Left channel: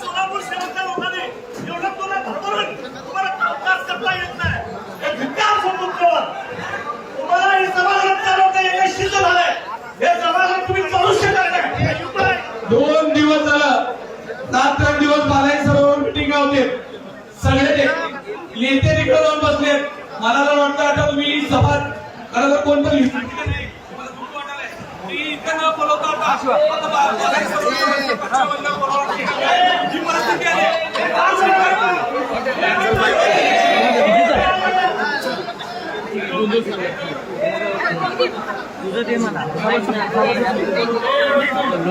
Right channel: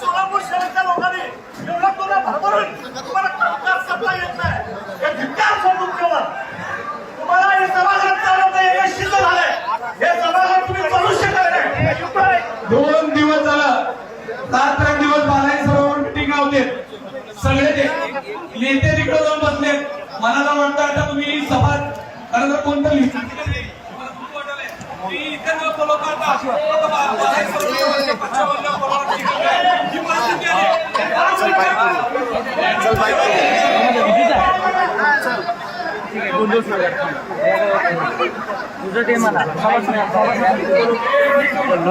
सोलापूर शहराच्या लोकांनी एवढा तुला भरभरून तुम्हाला कामकाज करता येत नाही हे धिक्कार समजून ठेवा। तुम्हाला हे समाजात चालवता यशस्वी झालंय, हे समाजात तुम्ही चालू शकत नाही। 2 दिवस झालं, 7-8 दिवस बालाई सरोवर मिटिंग होते, सगळे ते नेते तिकडे जाऊन बसले। मला तर वाटतं आता तुम्ही सभा करायला कोणतरी विचारते का नाही, मला दूर वाटायलंय मी इथे न बोलवता आता बालाई सरोवरच्या पक्षावरनं बोलवणार ही परिस्थिती आहे। तुझं ते म्हणा